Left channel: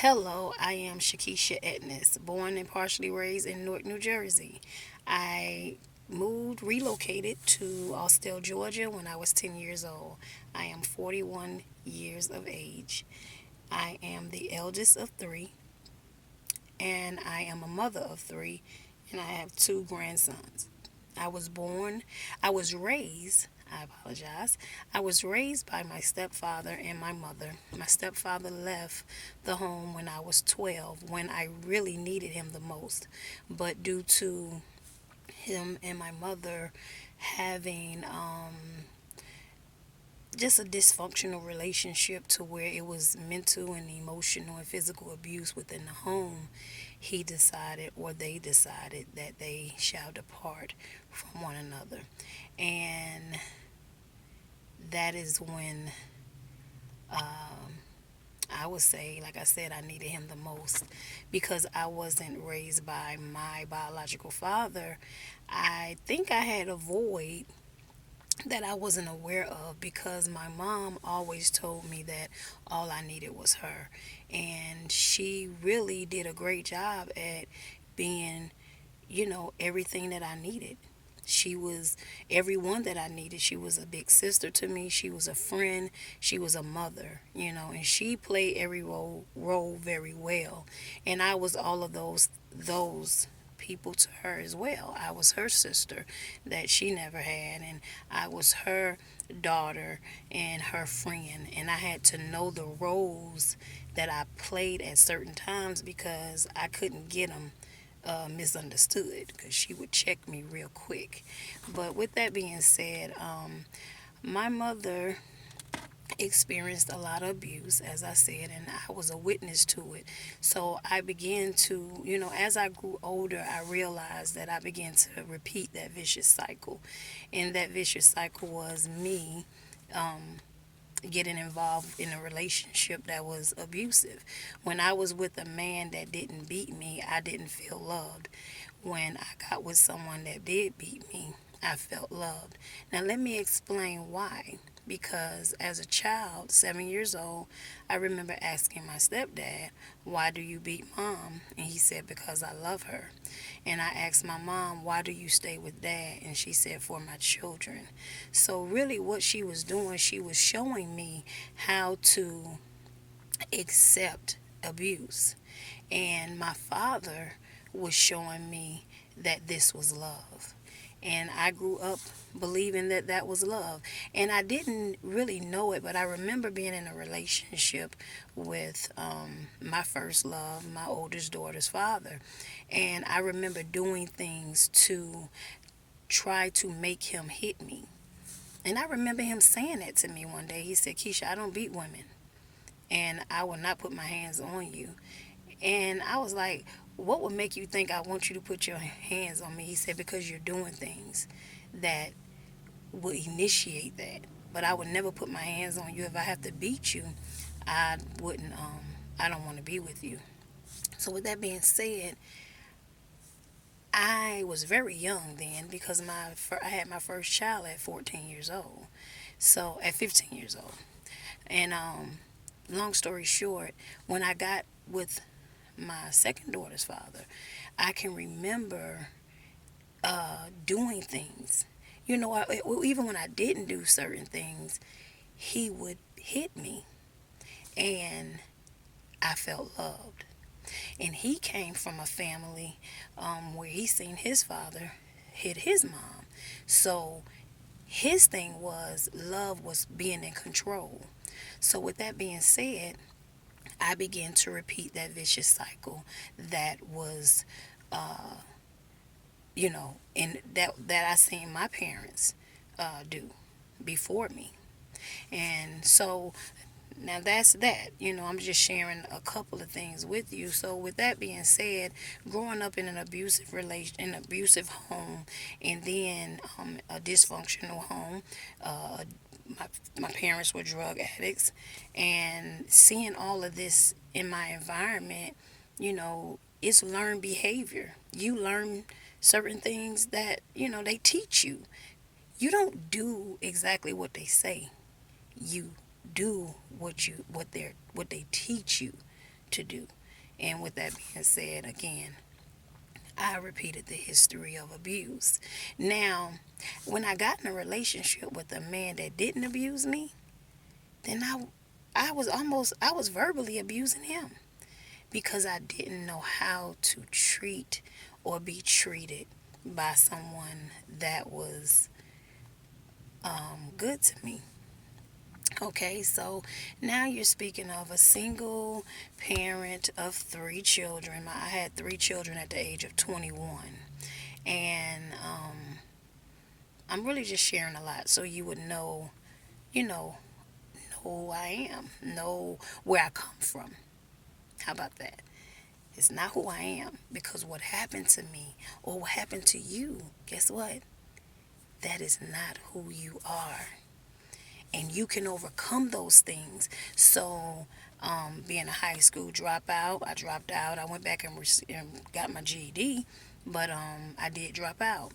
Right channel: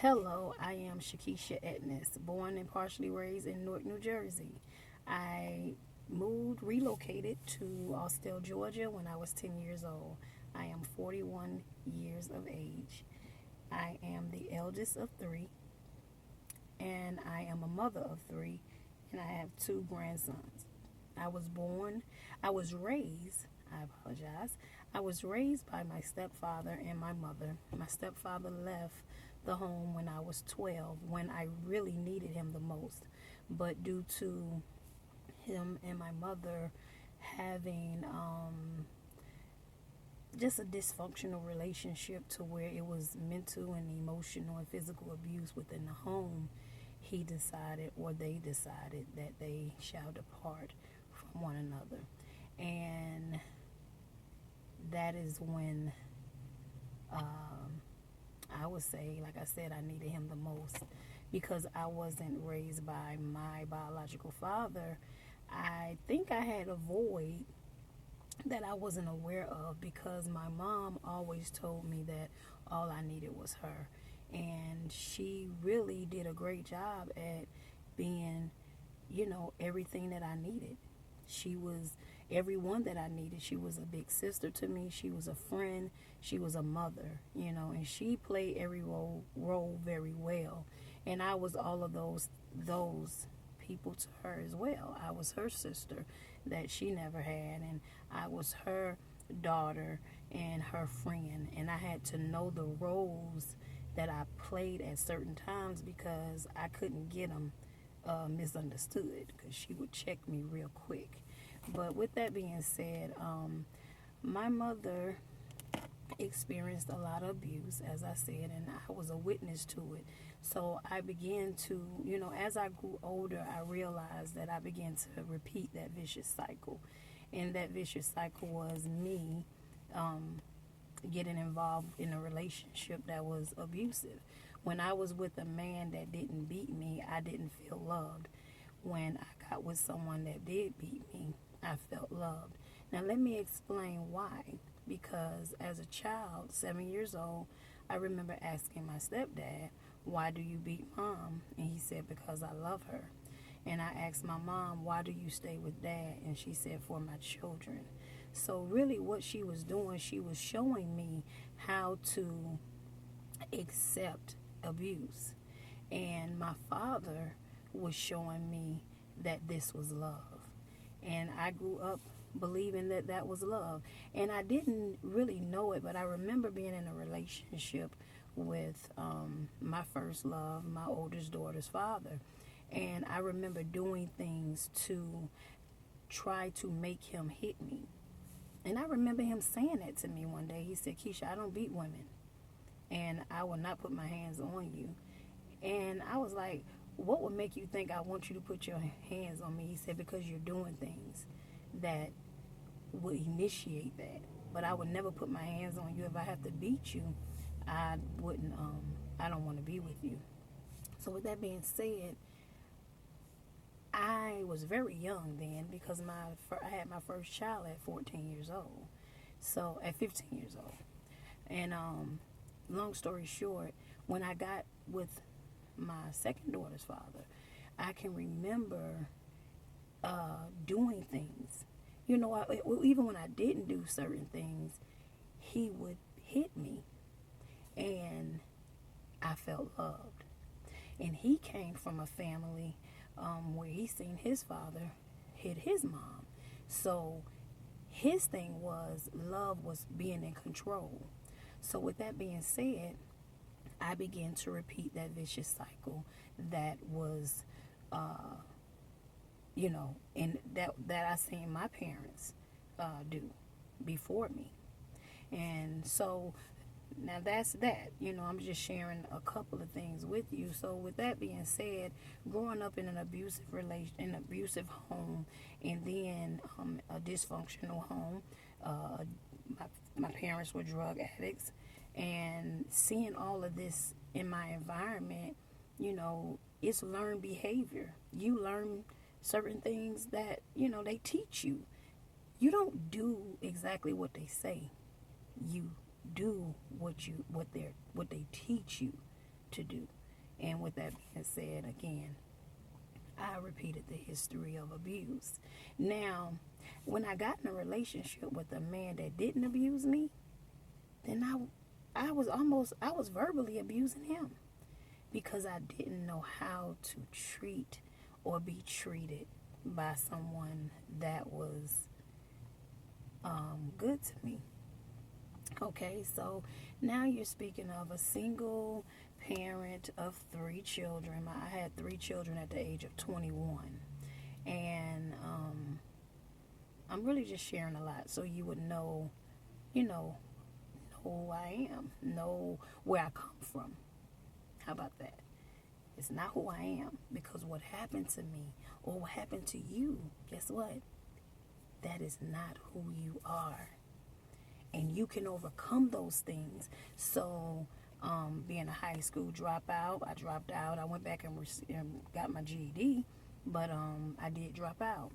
Hello, I am Shakisha Edness, born and partially raised in Newark, New Jersey. I relocated to Austell, Georgia when I was 10 years old. I am 41 years of age. I am the eldest of three, and I am a mother of three, and I have two grandsons. I was born, I was raised, I apologize. I was raised by my stepfather and my mother. My stepfather left the home when I was 12, when I really needed him the most. But due to him and my mother having just a dysfunctional relationship to where it was mental and emotional and physical abuse within the home, he decided, or they decided, that they shall depart from one another. And that is when I would say, like I said, I needed him the most because I wasn't raised by my biological father. I think I had a void that I wasn't aware of because my mom always told me that all I needed was her. And she really did a great job at being, everything that I needed. She was everyone that I needed. She was a big sister to me. She was a friend. She was a mother, and she played every role very well. And I was all of those people to her as well. I was her sister that she never had, and I was her daughter and her friend. And I had to know the roles that I played at certain times because I couldn't get them misunderstood because she would check me real quick. But with that being said, my mother experienced a lot of abuse, as I said, and I was a witness to it. So I began to, as I grew older, I realized that I began to repeat that vicious cycle. And that vicious cycle was me getting involved in a relationship that was abusive. When I was with a man that didn't beat me, I didn't feel loved. When I got with someone that did beat me, I felt loved. Now, let me explain why. Because as a child, 7 years old, I remember asking my stepdad, "Why do you beat mom?" And he said, "Because I love her." And I asked my mom, "Why do you stay with dad?" And she said, "For my children." So, really, what she was doing, she was showing me how to accept abuse. And my father was showing me that this was love. And I grew up believing that that was love. And I didn't really know it, but I remember being in a relationship with my first love, my oldest daughter's father. And I remember doing things to try to make him hit me. And I remember him saying that to me one day. He said, "Keisha, I don't beat women, and I will not put my hands on you." And I was like, "What would make you think I want you to put your hands on me?" He said, "Because you're doing things that will initiate that. But I would never put my hands on you. If I have to beat you, I wouldn't, I don't want to be with you." So, with that being said, I was very young then because I had my first child at 14 years old. So, at 15 years old. And long story short, when I got with my second daughter's father, I can remember doing things. Even when I didn't do certain things, he would hit me, and I felt loved. And he came from a family where he seen his father hit his mom. So his thing was love was being in control. So, with that being said, I began to repeat that vicious cycle that was, and that I seen my parents do before me. And so now that's that. I'm just sharing a couple of things with you. So with that being said, growing up in an abusive home, and then a dysfunctional home, uh, my parents were drug addicts, and seeing all of this in my environment, it's learned behavior. You learn certain things that they teach you. You don't do exactly what they say. You do what they teach you to do. And with that being said, again, I repeated the history of abuse. Now, when I got in a relationship with a man that didn't abuse me, then I was verbally abusing him because I didn't know how to treat or be treated by someone that was good to me. Okay, so now you're speaking of a single parent of three children. I had three children at the age of 21. And I'm really just sharing a lot so you would know, you know who I am, know where I come from. How about that? It's not who I am because what happened to me or what happened to you, guess what? That is not who you are. And you can overcome those things. So, being a high school dropout, I dropped out. I went back and got my GED, but I did drop out.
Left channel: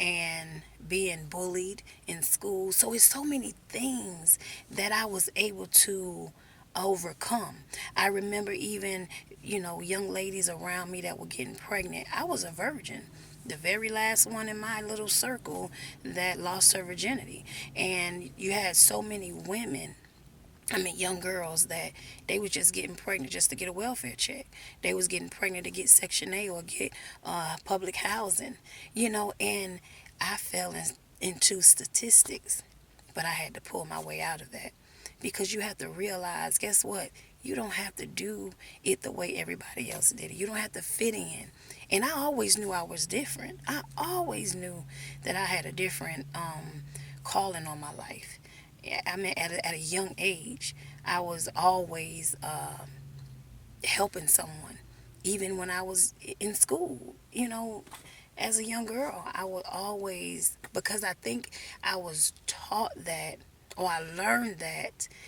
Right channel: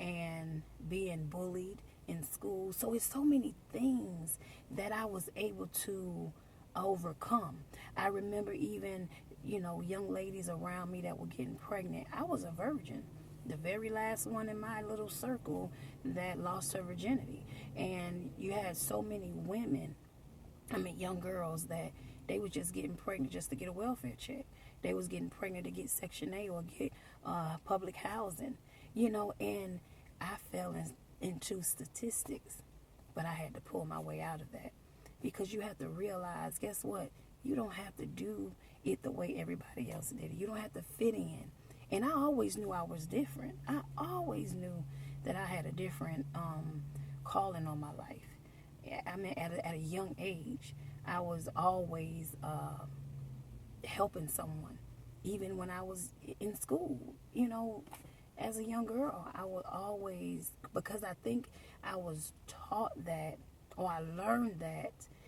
And being bullied in school. So, it's so many things that I was able to overcome. I remember even, young ladies around me that were getting pregnant. I was a virgin, the very last one in my little circle that lost her virginity. And you had so many women, I mean young girls, that they was just getting pregnant just to get a welfare check. They was getting pregnant to get Section A or get public housing, and I fell into statistics, but I had to pull my way out of that because you have to realize, guess what? You don't have to do it the way everybody else did it. You don't have to fit in. And I always knew I was different. I always knew that I had a different calling on my life. I mean, at a young age, I was always helping someone. Even when I was in school, as a young girl, I would always, because I think I was taught that, or I learned that